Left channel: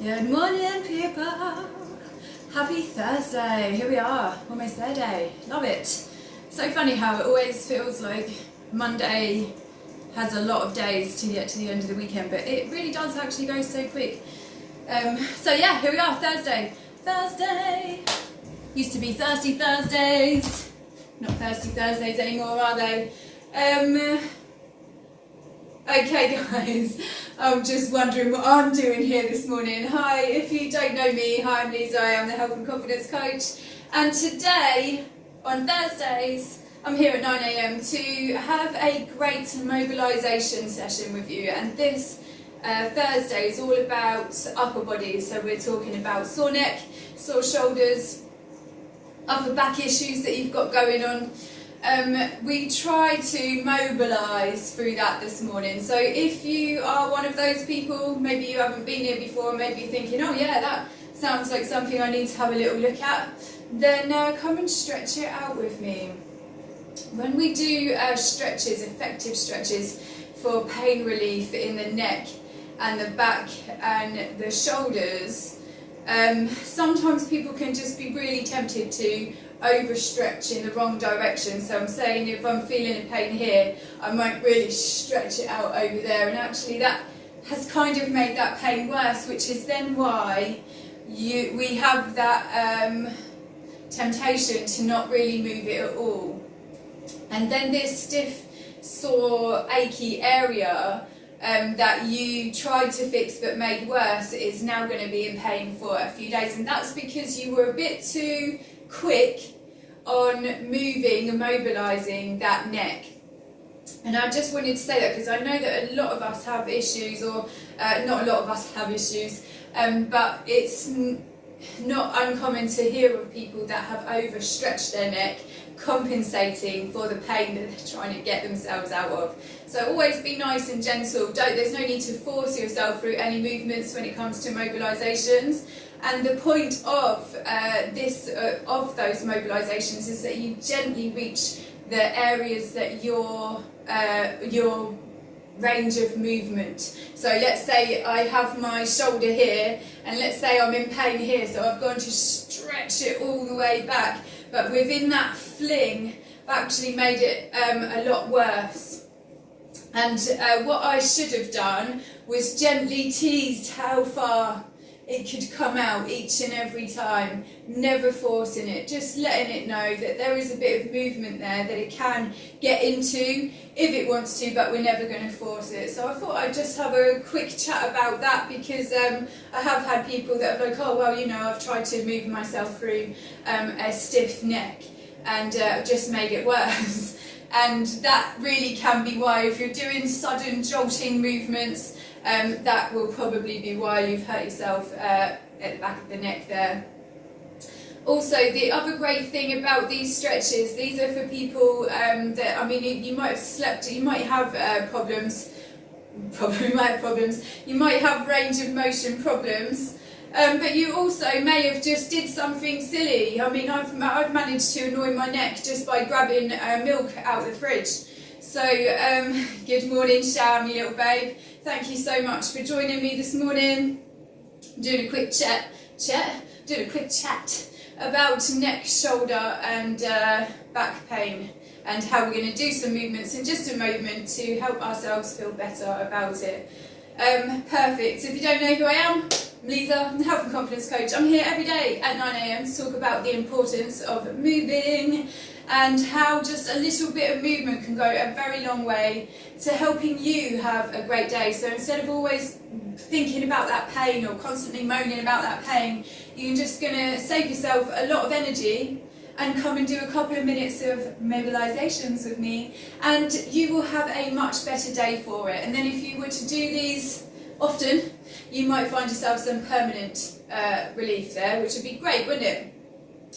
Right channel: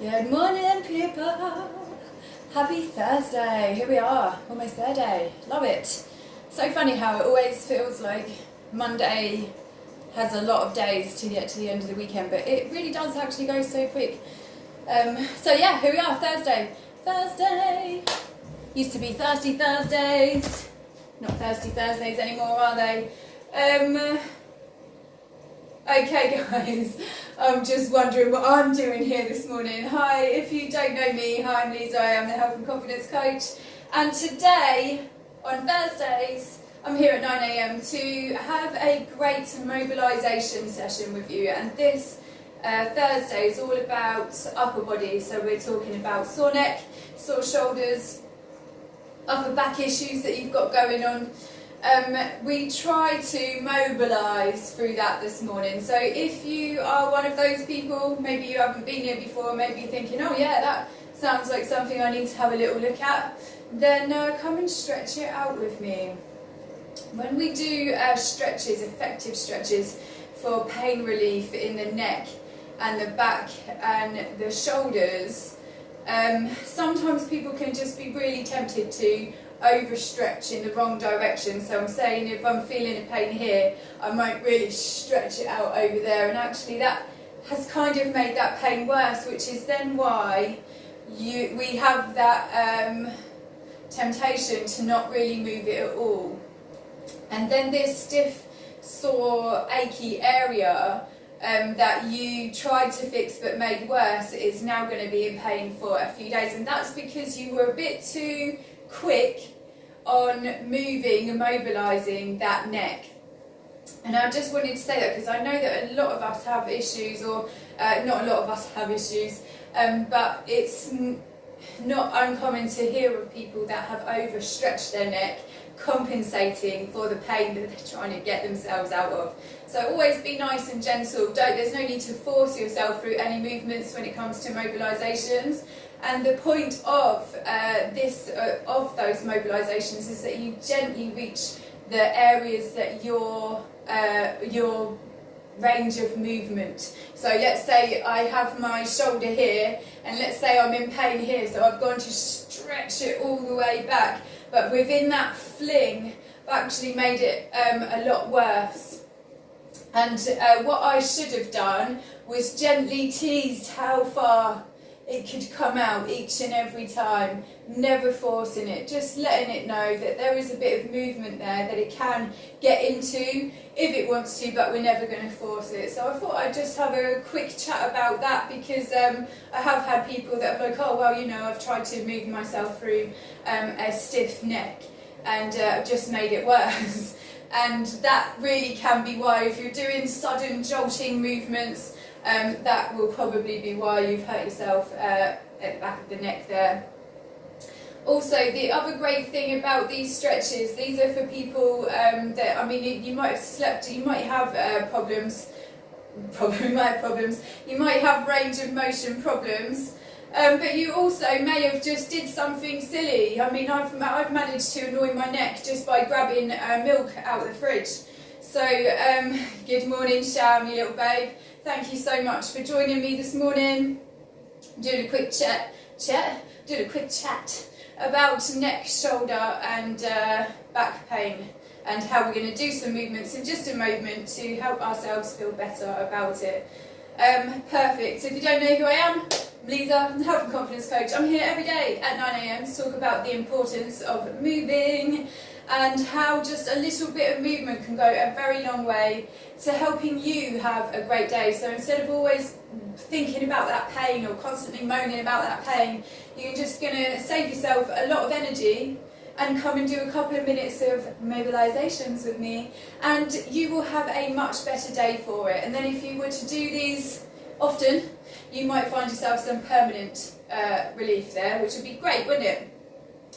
Good morning, people. Happy Thursday. Here we are, almost their day. Love it. So funny how it always feels like Monday has a lot of days to get to the end of the weekend, but it really does actually go so quick. So yeah, here we are, Thursday. Thursday. Used to be Thirsty Thursdays. Not Thirsty Thursdays anymore, are they? Okay guys, I'm just wondering what I'm doing here this morning. Hi, if you don't know me, hi, I'm Lisa, I am the Health and Confidence Coach. And today, on Thursdays, I'm here at 9 AM to have a great mobilisation session with you. And this Thursday is all about upper body. So we're talking about sore neck, sore shoulders, upper back issues that you've got going on. We try to mobilise through that this morning. So if you are one of those people, maybe you haven't been here before, maybe you're thinking, oh yeah, that sounds like something I need to have a little look at, then come and stretch it out with me. When we do stretches, effective stretches for pain relief in the neck and the back and the shoulders, sometimes people can just be really tempted to overstretch in the wrong direction. So I'm saying if I'm feeling a pain here, I might really stretch it out over there, and actually that has kind of made that pain worse, which is then why we have that temptation to not really move it at all. And then this stiff, sore, achy area that you tried to fix but made worse is now going to be in pain for a few days, and that's because you were a bit too quick on moving and mobilising that neck. And I just wanted to say that because I know that a lot of us have issues, or not a lot of us have issues, but it's not uncommon to hear of people that have overstretched their neck, compensating for the pain that they're trying to get themselves out of. So always be nice and gentle. There's no need to force yourself through any movements when it comes to mobilisations. And the point of those mobilisations is that you gently reach the areas that your range of movement. So let's say I have my shoulder here, and let's say I'm in pain here, so I've gone to stretch it all the way back, but within that fling I've actually made it a lot worse. And what I should have done was gently teased how far it could come out each and every time, never forcing it, just letting it know that there is a bit of movement there that it can get into if it wants to, but we're never going to force it. So I thought I'd just have a quick chat about that, because I have had people that are like, oh well, you know, I've tried to move myself through a stiff neck and just made it worse. And that really can be why, if you're doing sudden jolting movements, that will probably be why you've hurt yourself at the back of the neck there. Also, the other great thing about these stretches, these are for people that, I mean, you might have slept, you might have problems, you might have range of motion problems, but you also may have just did something silly. I mean, I've managed to annoy my neck just by grabbing milk out of the fridge. So, good morning, Sham, you little babe. Thank you so much for joining me this morning. Doing a quick chat about neck, shoulder and back pain, and how we're going to do some movements in just a moment to help ourselves feel better about it. Perfect. So if you don't know who I am, I'm Lisa, I'm the Health and Confidence Coach. I'm here every day at 9 AM to talk about the importance of moving and how just a little bit of movement can go a very long way to helping you have a great day. So instead of always thinking about that pain or constantly moaning about that pain, you're just going to save yourself a lot of energy and come and do a couple of minutes of mobilisations with me, and you will have a much better day for it. And then if you were to do these often, you might find yourself some permanent relief there, which would be great, wouldn't it?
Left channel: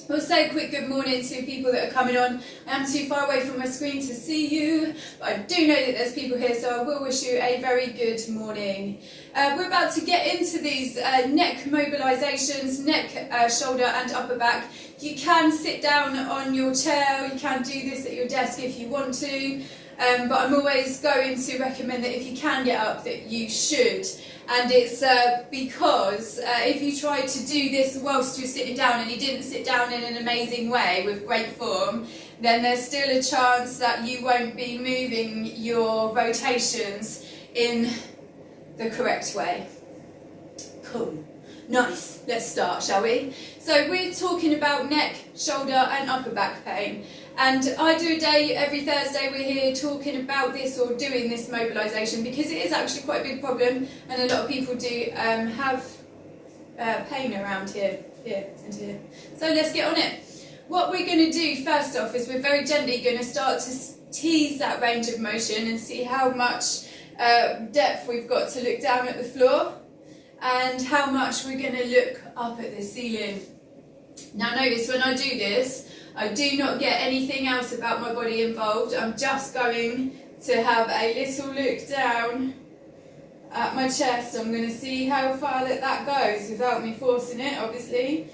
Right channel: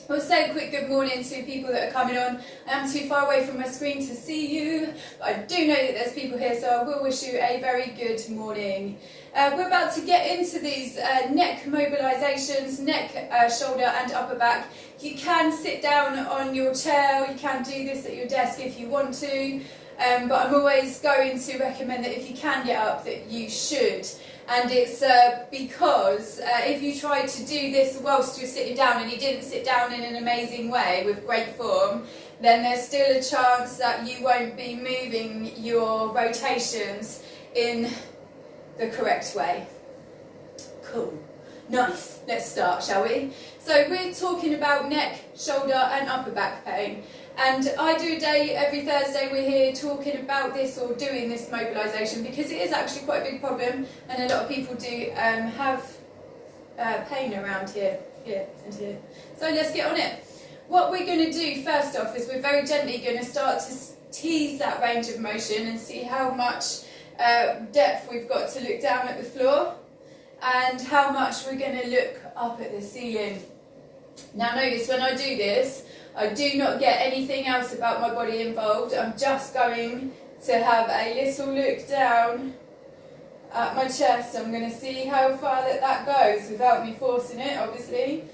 We'll say a quick good morning to people that are coming on. I am too far away from my screen to see you, but I do know that there's people here, so I will wish you a very good morning. We're about to get into these neck mobilisations, neck, shoulder and upper back. You can sit down on your chair, or you can do this at your desk if you want to, but I'm always going to recommend that if you can get up, that you should. And it's because if you try to do this whilst you're sitting down and you didn't sit down in an amazing way with great form, then there's still a chance that you won't be moving your rotations in the correct way. Cool. Nice. Let's start, shall we? So we're talking about neck, shoulder and upper back pain. And I do a day every Thursday. We're here talking about this or doing this mobilisation because it is actually quite a big problem, and a lot of people do have pain around here and here. So let's get on it. What we're going to do first off is we're very gently going to start to tease that range of motion and see how much depth we've got to look down at the floor and how much we're going to look up at the ceiling. Now notice when I do this, I do not get anything else about my body involved. I'm just going to have a little look down at my chest. I'm going to see how far that goes without me forcing it, obviously.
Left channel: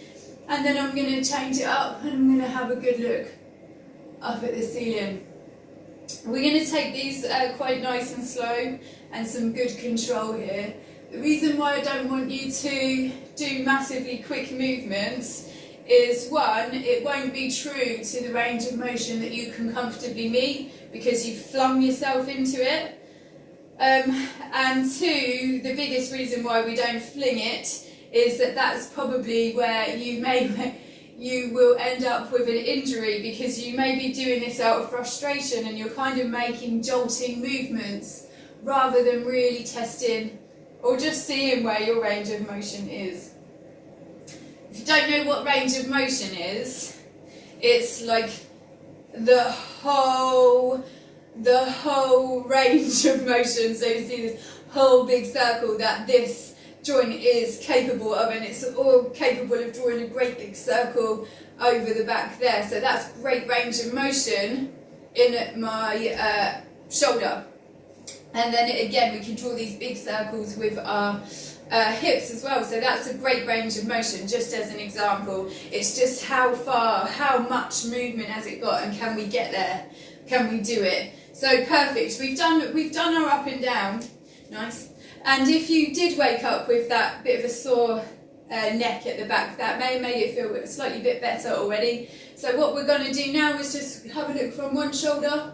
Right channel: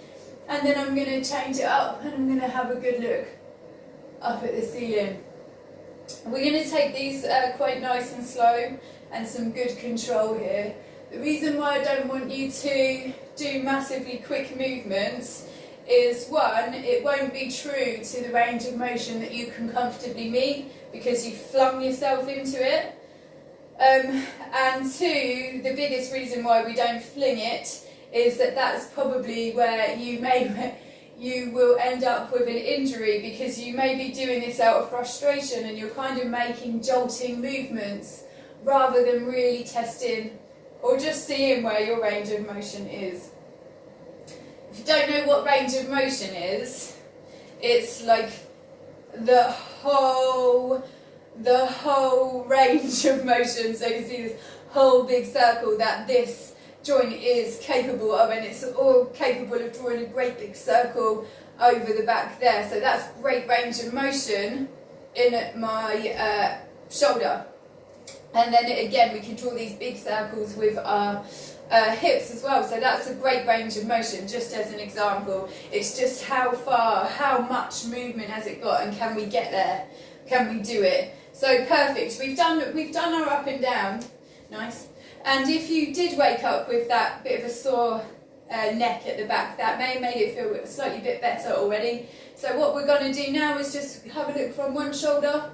And then I'm going to change it up and I'm going to have a good look up at the ceiling. We're going to take these quite nice and slow and some good control here. The reason why I don't want you to do massively quick movements is, one, it won't be true to the range of motion that you can comfortably meet because you've flung yourself into it. And two, the biggest reason why we don't fling it is that that's probably where you will end up with an injury because you may be doing this out of frustration and you're kind of making jolting movements rather than really testing or just seeing where your range of motion is. If you don't know what range of motion is, it's like the whole range of motion. So you see this whole big circle that this joint is capable of, and it's all capable of drawing a great big circle over the back there. So that's great range of motion in my shoulder. And then again, we can draw these big circles with our hips as well. So that's a great range of motion, just as an example. It's just how far, how much movement has it got, and can we get there? Can we do it? So perfect. We've done our up and down. Nice. And if you did wake up with that bit of a sore neck at the back, that may have made it feel a slightly bit better already. So what we're going to do now is just have a look from one shoulder,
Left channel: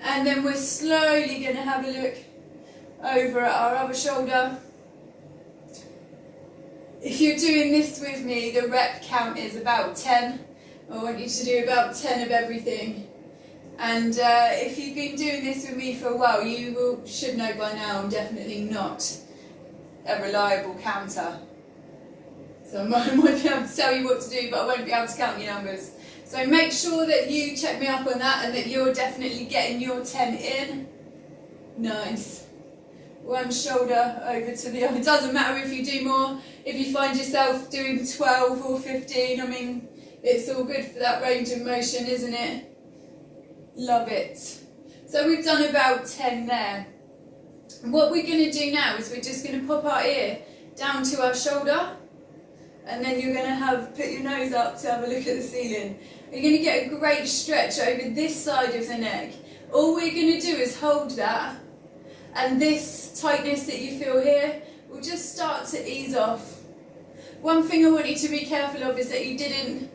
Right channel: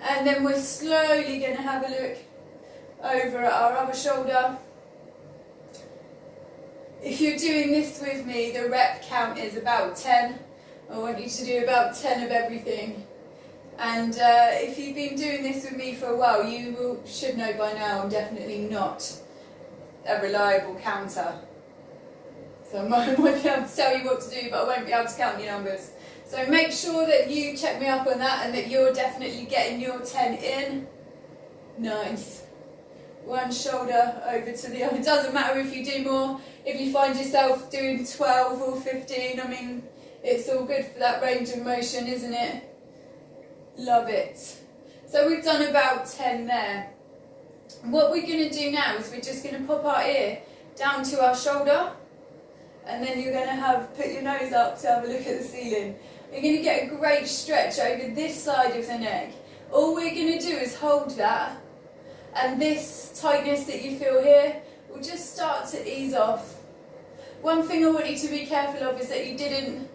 and then we're slowly going to have a look over at our other shoulder. If you're doing this with me, the rep count is about 10. I want you to do about 10 of everything. And if you've been doing this with me for a while, you should know by now I'm definitely not a reliable counter. So I might be able to tell you what to do, but I won't be able to count your numbers. So make sure that you check me up on that and that you're definitely getting your 10 in. Nice. One shoulder over to the other. It doesn't matter if you do more. If you find yourself doing 12 or 15, I mean, it's all good for that range of motion, isn't it? Love it. So we've done about 10 there. And what we're going to do now is we're just going to pop our ear down to our shoulder, and then you're going to put your nose up to have a look at the ceiling. You're going to get a great stretch over this side of the neck. All we're going to do is hold that, and this tightness that you feel here will just start to ease off. One thing I want you to be careful of is that you didn't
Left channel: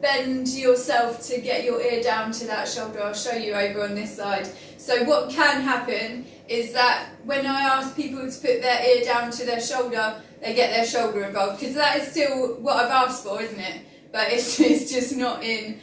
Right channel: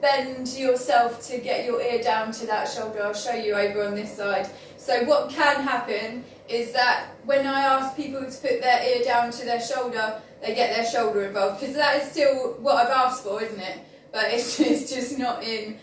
bend yourself to get your ear down to that shoulder. I'll show you over on this side. So what can happen is that when I ask people to put their ear down to their shoulder, they get their shoulder involved, because that is still what I've asked for, isn't it? But it's just not in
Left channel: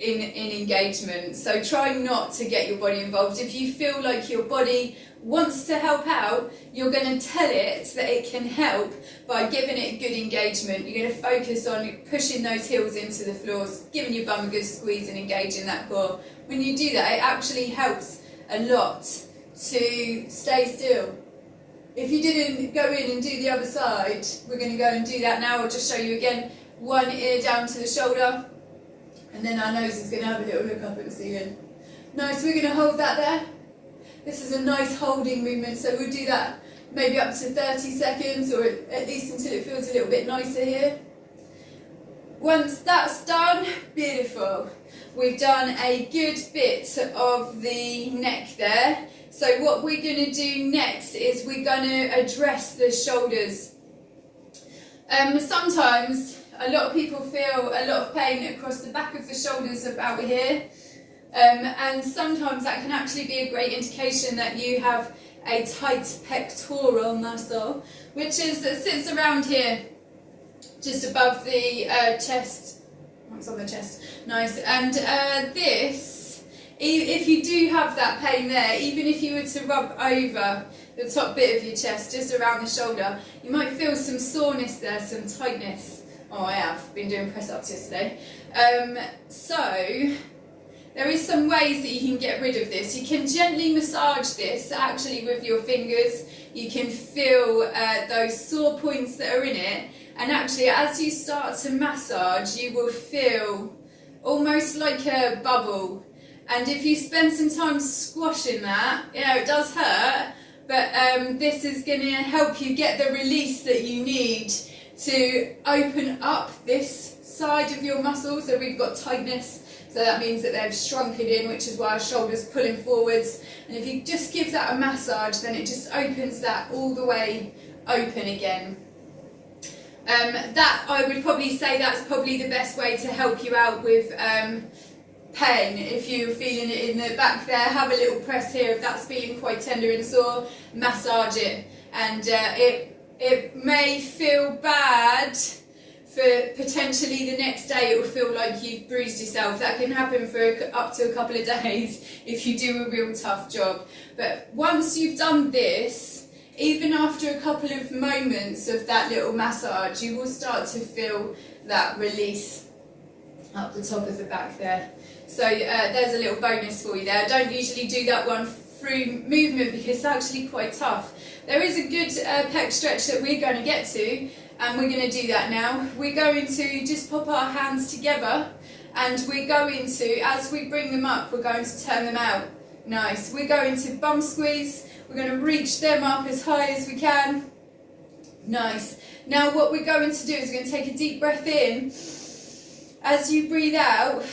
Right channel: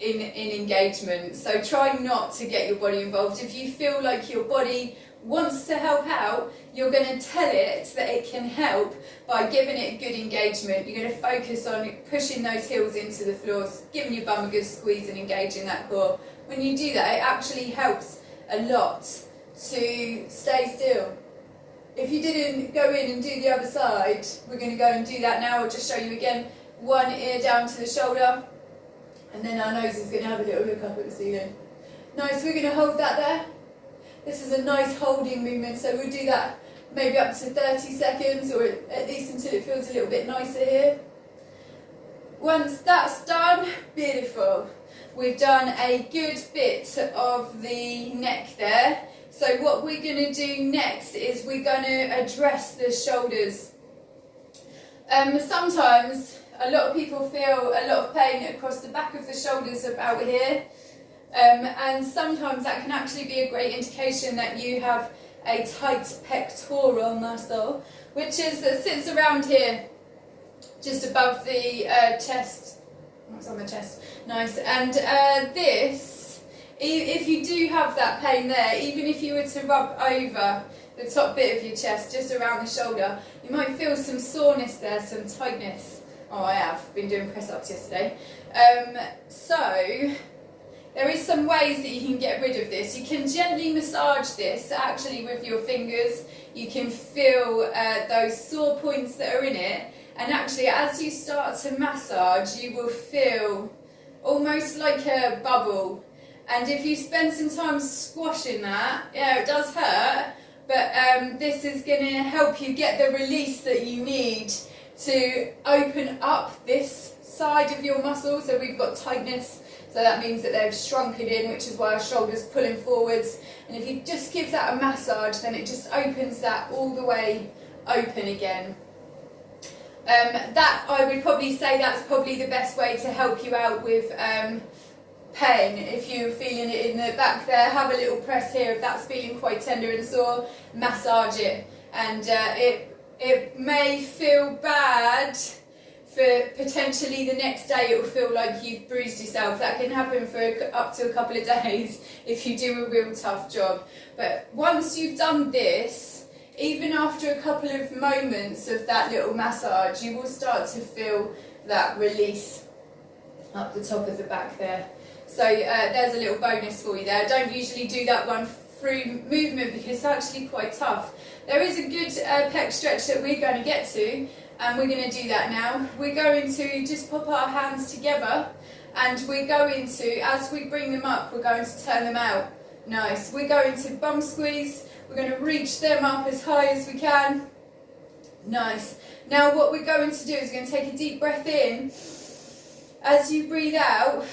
engagement. So try not to get your body involved. If you feel like your body wants to help out, you're going to tell it that it can help by giving it good engagement. You're going to focus on pushing those heels into the floor, giving your bum a good squeeze and engaging that core. When you do that, it actually helps a lot to stay still. If you didn't go in and do the other side, we're going to go and do that now. I'll just show you again. One ear down to the shoulder, and then our nose is going to have a little look up at the ceiling. Nice, we're going to hold that there. This is a nice holding movement, so we'll do that maybe up to 30 seconds, or at least until it feels a little bit nicer here. Once that's done, beautiful. We've done a good bit of the neck there. So what we're going to do next is we're going to address the shoulders. Sometimes a lot of people feel a lot of pain across the back of the shoulders about here, and sometimes that can actually be a great indication that you have a tight pectoral muscle, which sits around here, just above the chest. It's on the chest, nice. And this, if you do have that pain there, even if you were to rub over the top bit of your chest, just around the shoulder, you might feel some soreness there, some tightness. Oh, I have been doing press-ups yesterday. So there is some ways that you can get rid of this. You can gently massage this actually with your fingers. You can feel those sore points that are in it, and actually as you start to massage you will feel almost like a bubble, and if you spend some time squashing that, yeah, it does hurt, but this is going to help you get the release that you need to open up this side of your muscle. So we've got tightness, so that means that they've shrunken in, which is why our shoulders pulling forwards, and if you just give that a massage, then it just opens that all the way open again. That, I would probably say, that's probably the best way to help you out with pain. If you're feeling it in the back there, have a little press here. If that's feeling quite tender and sore, massage it. And it may feel bad for potentially the next day. It will feel like you've bruised yourself. That can happen for up to a couple of days if you do a real tough job. But once you've done this, even after a couple of moments of that little massage, you will start to feel that release up the top of the back there. So there's a little bonus for you there. I don't usually do that one through movement because it's actually quite tough. There is a good pec stretch that we're going to get to, and we're going to do that now. We're going to just pop our hands together, and we're going to, as we bring them up, we're going to turn them out. Nice. We're going to bum squeeze. We're going to reach them up as high as we can. Nice. Now what we're going to do is we're going to take a deep breath in. As you breathe out,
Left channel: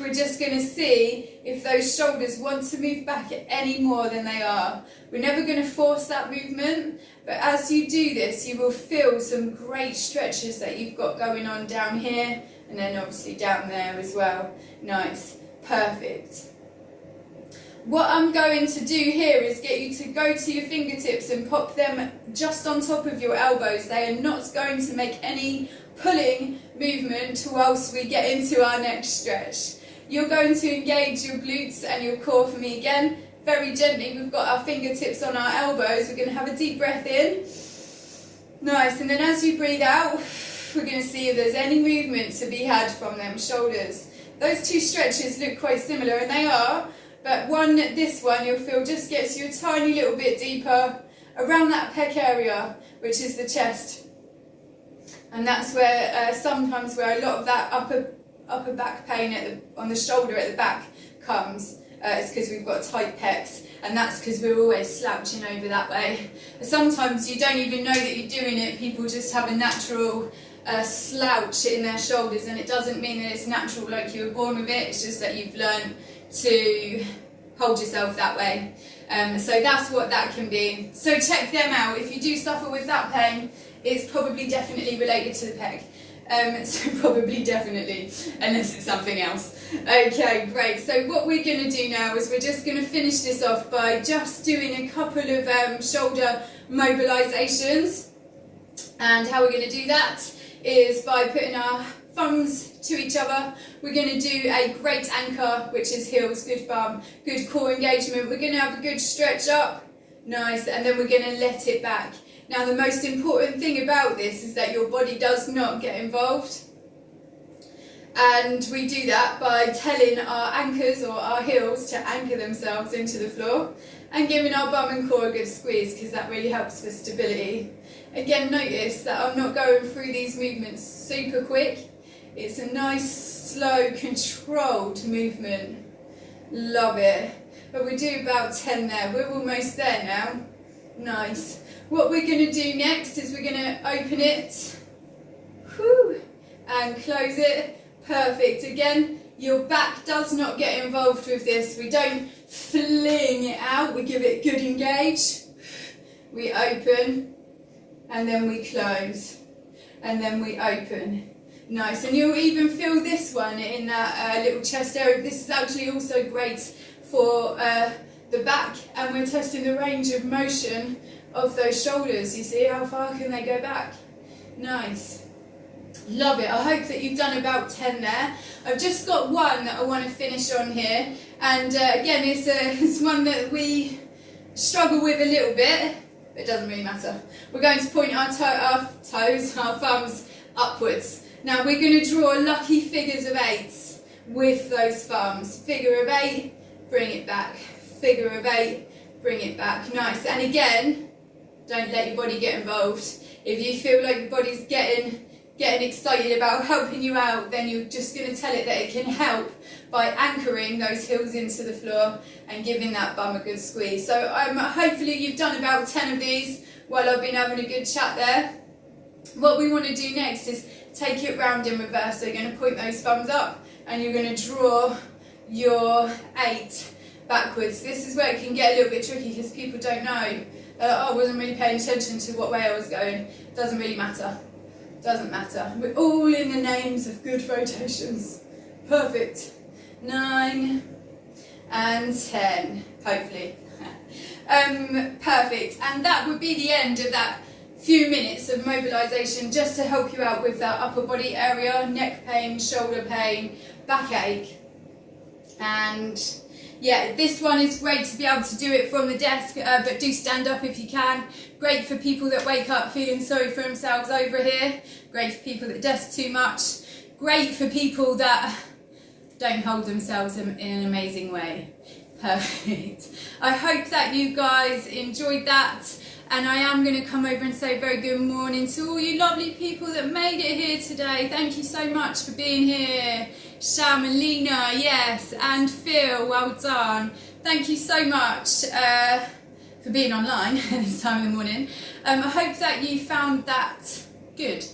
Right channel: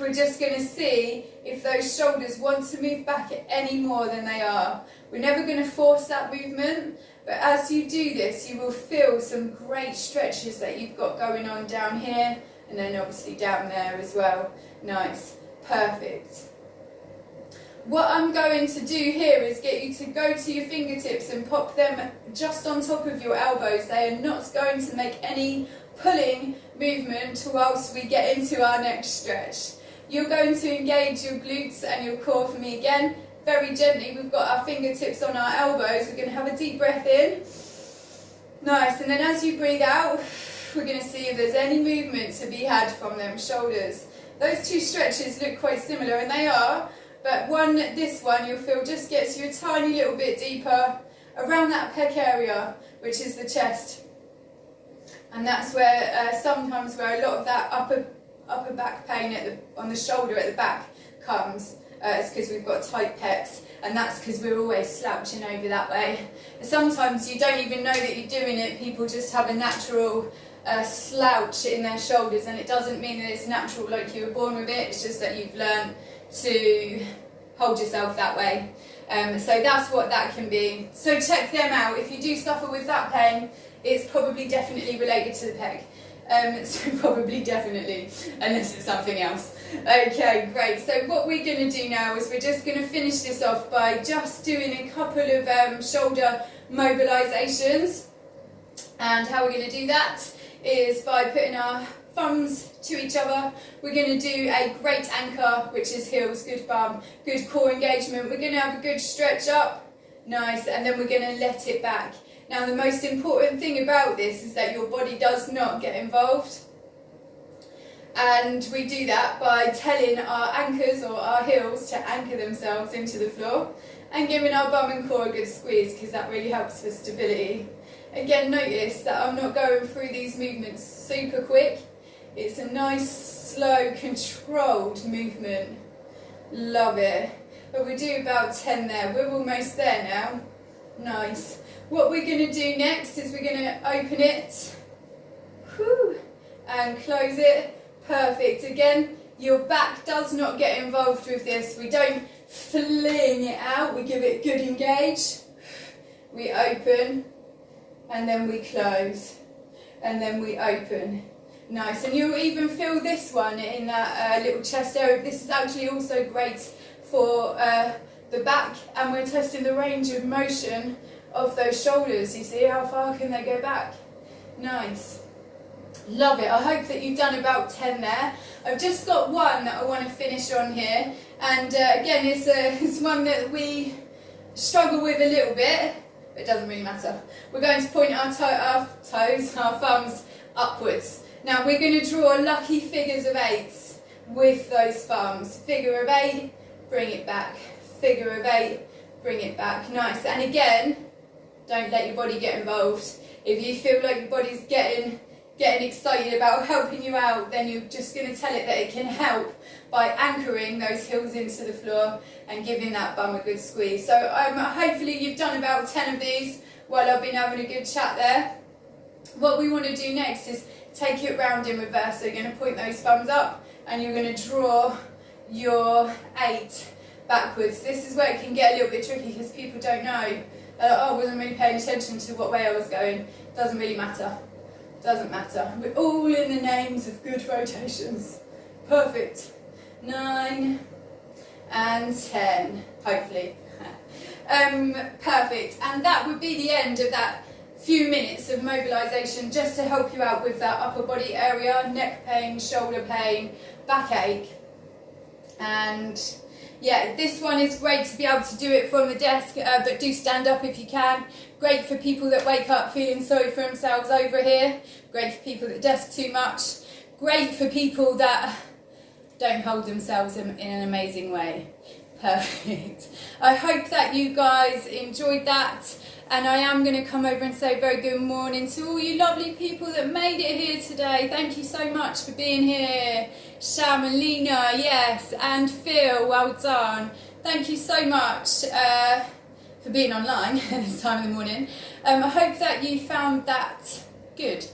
we're just going to see if those shoulders want to move back any more than they are. We're never going to force that movement, but as you do this, you will feel some great stretches that you've got going on down here, and then obviously down there as well. Nice. Perfect. What I'm going to do here is get you to go to your fingertips and pop them just on top of your elbows. They are not going to make any pulling movement whilst we get into our next stretch. You're going to engage your glutes and your core for me again. Very gently, we've got our fingertips on our elbows. We're going to have a deep breath in. Nice, and then as you breathe out, we're going to see if there's any movement to be had from them shoulders. Those two stretches look quite similar, and they are. But this one you'll feel just gets you a tiny little bit deeper around that pec area, which is the chest. And that's where sometimes where a lot of that upper back pain on the shoulder at the back comes. It's because we've got tight pecs, and that's because we're always slouching over that way. Sometimes you don't even know that you're doing it. People just have a natural slouch in their shoulders, and it doesn't mean that it's natural like you were born with it. It's just that you've learned to hold yourself that way. So that's what that can be. So check them out. If you do suffer with that pain, it's probably definitely related to the pec. So probably definitely, unless it's something else. Okay, great. So what we're going to do now is we're just going to finish this off by just doing a couple of shoulder mobilizations. And how we're going to do that is by putting our thumbs to each other. We're going to do a great anchor, which is heels, good bum, good core engagement. We're going to have a good stretch up, nice, and then we're going to let it back. Now the most important thing about this is that your body does not get involved, and we do that by telling our anchors or our heels to anchor themselves into the floor and giving our bum and core a good squeeze, because that really helps for stability. Again, notice that I'm not going through these movements super quick. It's a nice, slow, controlled movement. Love it. But we do about 10 there. We're almost there now. Nice. What we're going to do next is we're going to open it. Whew, and close it. Perfect. Again, your back does not get involved with this. We don't fling it out, we give it good engage, we open, and then we close, and then we open. Nice, and you'll even feel this one in that little chest area. This is actually also great for the back, and we're testing the range of motion of those shoulders. You see how far can they go back? Nice. Love it. I hope that you've done about 10 there. I've just got one that I want to finish on here, and again it's one that we struggle with a little bit, but it doesn't really matter. We're going to point our thumbs upwards. Now we're going to draw lucky figures of 8s with those thumbs. Figure of 8, bring it back. Figure of 8, bring it back. Nice. And again, don't let your body get involved. If you feel like your body's getting excited about helping you out, then you're just going to tell it that it can help by anchoring those heels into the floor and giving that bum a good squeeze. So hopefully you've done about 10 of these while I've been having a good chat there. What we want to do next is take it round in reverse. So you're going to point those thumbs up and you're going to draw your 8 backwards. This is where it can get a little bit tricky because people don't know. I wasn't really paying attention to what way I was going. Doesn't really matter. Doesn't matter. We're all in the names of good rotations. Perfect. 9 and 10, hopefully. Perfect. And that would be the end of that few minutes of mobilisation just to help you out with that upper body area, neck pain, shoulder pain, backache. And yeah, this one is great to be able to do it from the desk, but do stand up if you can. Great for people that wake up feeling sorry for themselves over here. Great for people that desk too much. Great for people that don't hold themselves in an amazing way. Perfect. I hope that you guys enjoyed that. And I am going to come over and say very good morning to all you lovely people that made it here today. Thank you so much for being here. Sham and Lena, yes, and Phil, well done. Thank you so much for being online at this time of the morning. I hope that you found that good.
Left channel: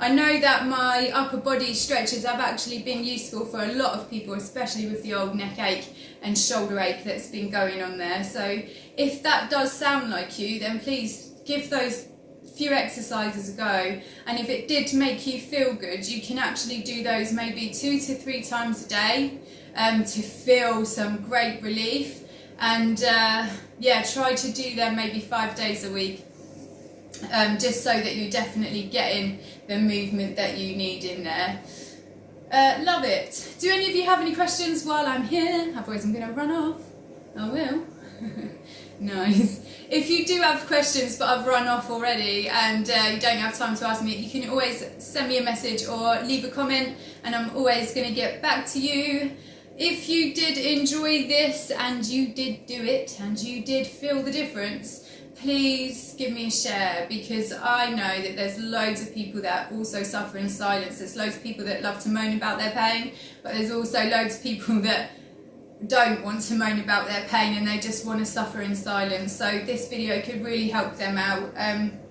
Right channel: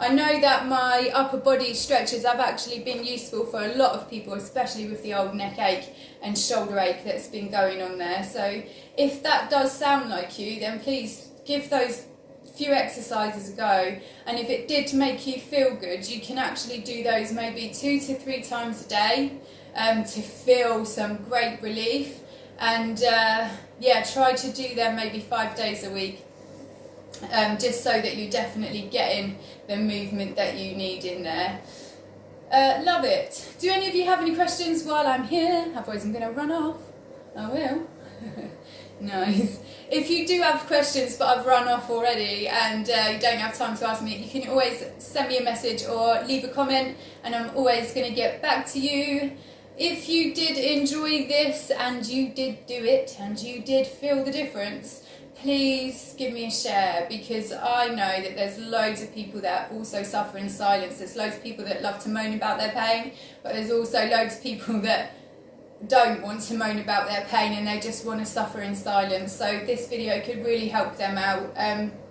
I know that my upper body stretches have actually been useful for a lot of people, especially with the old neck ache and shoulder ache that's been going on there. So if that does sound like you, then please give those few exercises a go. And if it did make you feel good, you can actually do those maybe 2 to 3 times a day to feel some great relief. And yeah, try to do them maybe 5 days a week. Just so that you're definitely getting the movement that you need in there. Love it. Do any of you have any questions while I'm here? Otherwise I'm going to run off. I will. Nice. If you do have questions but I've run off already and you don't have time to ask me, you can always send me a message or leave a comment and I'm always going to get back to you. If you did enjoy this and you did do it and you did feel the difference, please give me a share, because I know that there's loads of people that also suffer in silence. There's loads of people that love to moan about their pain, but there's also loads of people that don't want to moan about their pain and they just want to suffer in silence. So this video could really help them out.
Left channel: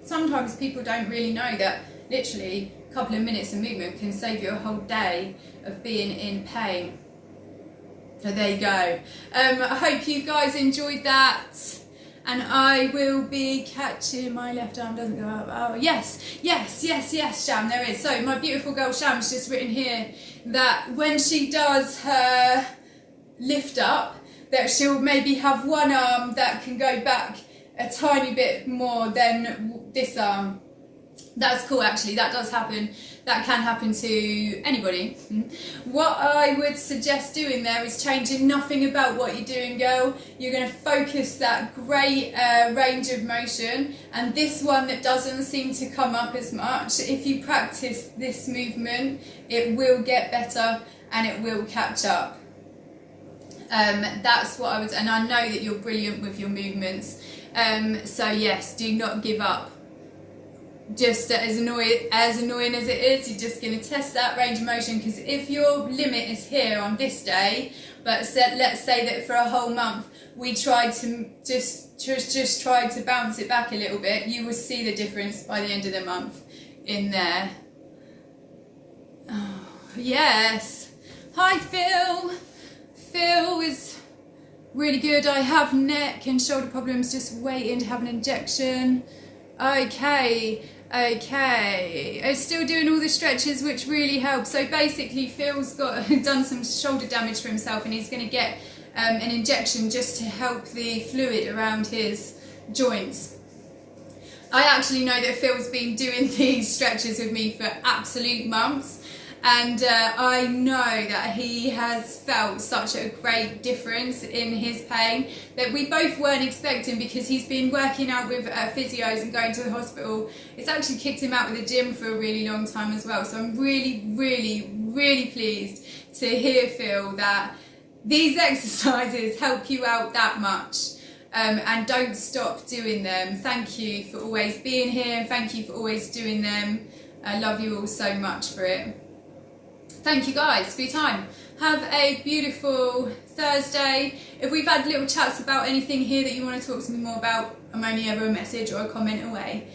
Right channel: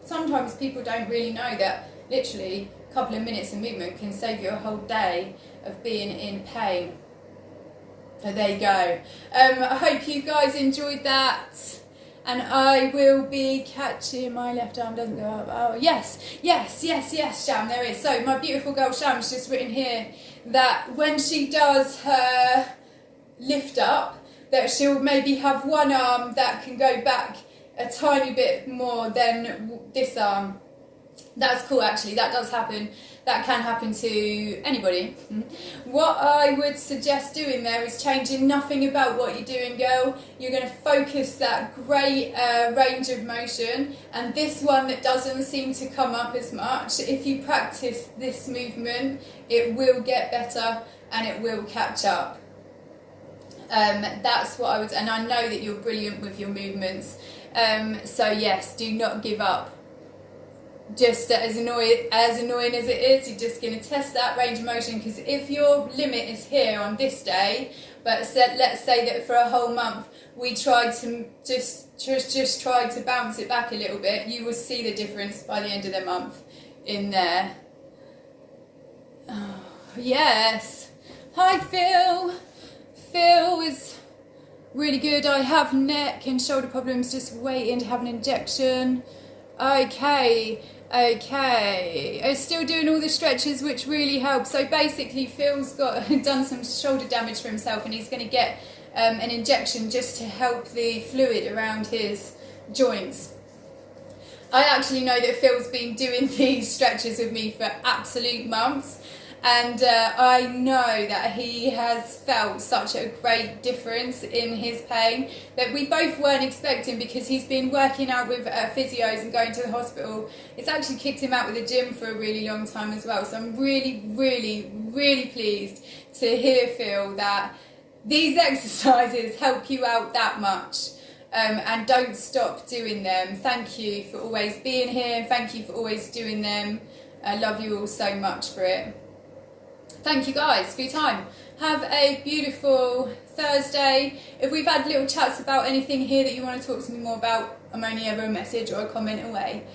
Sometimes people don't really know that literally a couple of minutes of movement can save you a whole day of being in pain. So there you go. I hope you guys enjoyed that. And I will be catching, my left arm doesn't go up. Oh, yes, Sham, there is. So my beautiful girl Sham's just written here that when she does her lift up, that she'll maybe have one arm that can go back a tiny bit more than this arm. That's cool, actually. That does happen. That can happen to anybody. What I would suggest doing there is changing nothing about what you're doing, girl. You're going to focus that great range of motion, and this one that doesn't seem to come up as much, if you practice this movement, it will get better and it will catch up. That's what I would, and I know that you're brilliant with your movements. So yes, do not give up. Just as annoying as it is, you're just going to test that range of motion, because if your limit is here on this day, but let's say that for a whole month we tried to just tried to bounce it back a little bit, you will see the difference by the end of the month in there. Oh, yes. Hi Phil. Phil is Really good. I have neck and shoulder problems, just waiting to have an injection. Okay. I'm still doing all the stretches, which really helps. So basically Phil's done some shoulder damage for himself, and he's going to get an injection just to help the fluid around his joints. I actually know that Phil's been doing these stretches with me for absolute months, and I know that he has felt such a great difference in his pain that we both weren't expecting, because he's been working out with physios and going to the hospital. It's actually kicked him out with the gym for a really long time as well. So I'm really, really, really pleased to hear, Phil, that these exercises help you out that much. And don't stop doing them. Thank you for always being here, and thank you for always doing them. I love you all so much for it. Thank you guys for your time. Have a beautiful Thursday. If we've had little chats about anything here that you want to talk to me more about, I'm only ever a message or a comment away.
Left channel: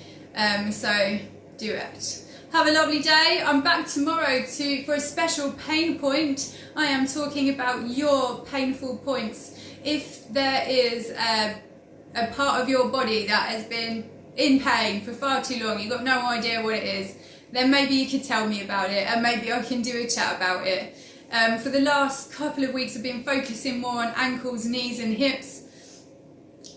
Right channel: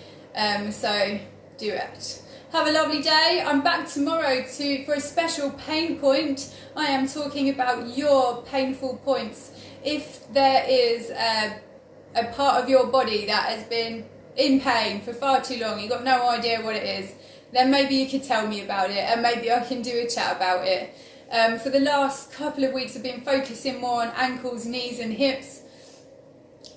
So do it. Have a lovely day. I'm back tomorrow for a special pain point. I am talking about your painful points. If there is a part of your body that has been in pain for far too long, you've got no idea what it is, then maybe you could tell me about it, and maybe I can do a chat about it. For the last couple of weeks I've been focusing more on ankles, knees and hips.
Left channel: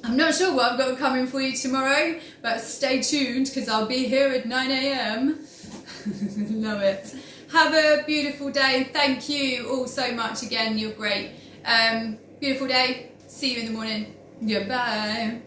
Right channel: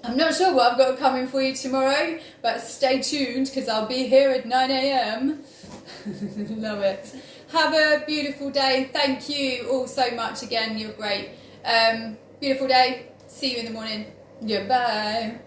I'm not sure what I've got coming for you tomorrow, but stay tuned, because I'll be here at 9 a.m. Love it. Have a beautiful day. Thank you all so much again. You're great. Beautiful day. See you in the morning. Yeah, bye.